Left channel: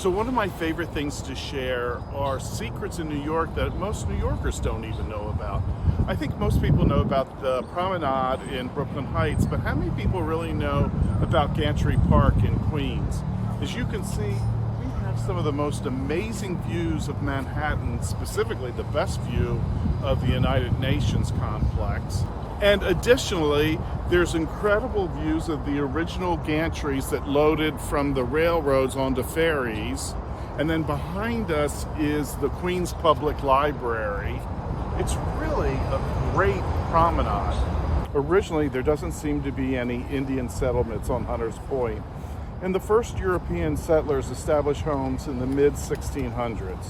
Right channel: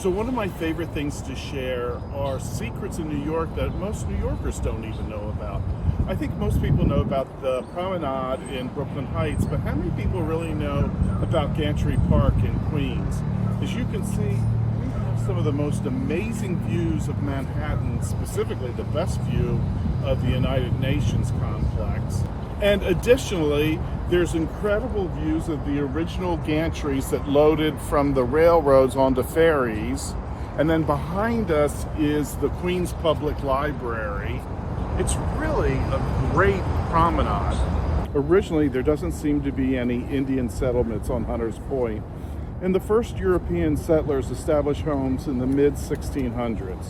So one of my favorite things to share are secrets in New York that most New Yorkers don't even know about. I think most people know about the promenade in Brooklyn Heights, but how many people really know about Gantry Park in Queens? As you can see, we have some of the most amazing views of Manhattan, specifically the best view of the United Nations complex. And additionally, there's incredible views of the original gantries that loaded from the railroads onto ferries. And then behind us is the Queens Public Library. It's really a great promenade. Originally, there doesn't seem to be any Indian settlements on Hunters Point, and the first European settlers established homes in the mid-1600s.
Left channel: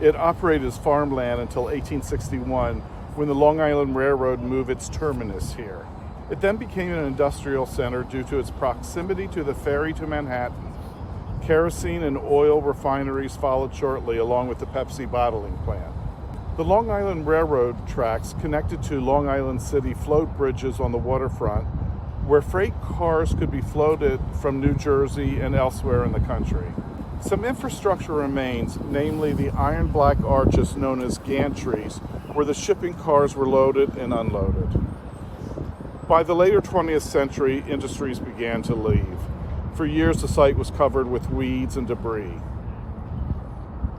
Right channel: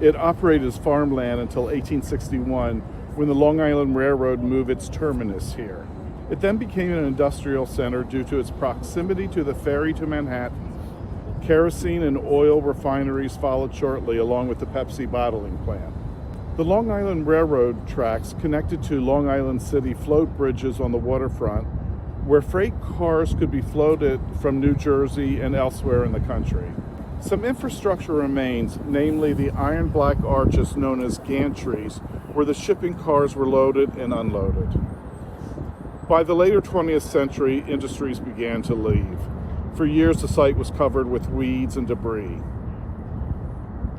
It operated as farmland until 1861, when the Long Island Railroad moved its terminus here. It then became an industrial center due to its proximity to the ferry to Manhattan. Kerosene and oil refineries followed shortly, along with the Pepsi bottling plant. The Long Island Railroad tracks connected to Long Island City float bridges on the waterfront, where freight cars could be floated from New Jersey and elsewhere in the country. Some infrastructure remains, namely the iron black arches known as gantries, where the shipping cars were loaded and unloaded. By the later 20th century, industries began to leave. For years, the site was covered with weeds and debris.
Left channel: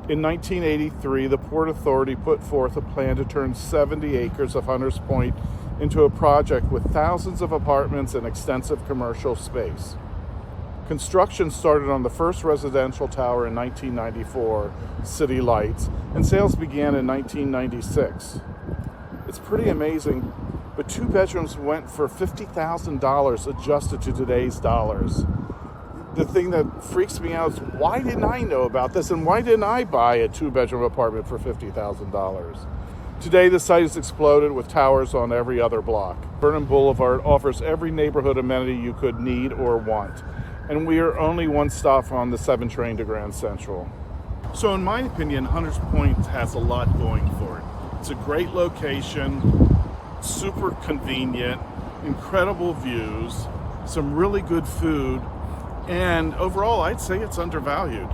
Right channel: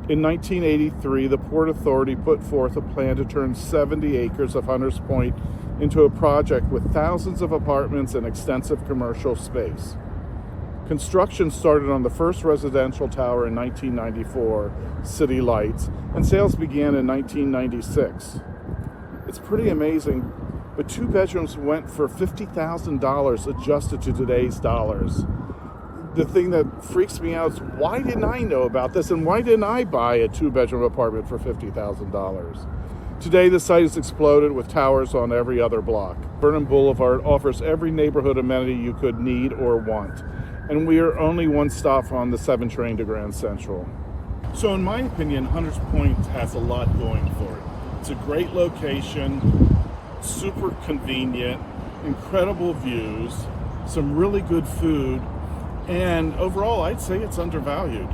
In 1983, the Port Authority put forth a plan to turn 70 acres of Hunters Point into a project with thousands of apartments and extensive commercial space. Construction started on the first residential tower in 1994, City Lights, and sales began in 1996. It's pretty amazing, but 2 bedrooms went for $50,000 adjusted to today's dollars. The thing that freaks me out is, why didn't I know about this, and why didn't I buy a 2-bedroom apartment for $50,000? Today, the site has exploded with towers on every other block. Burnham Boulevard offers every neighborhood amenity you could need or want, and we are only one stop on the 7 train to Grand Central. So in my opinion, Hunters Point has a lot going for it. It's a great location, super convenient, incredible views, some really good food, and overall I'd say it's undervalued.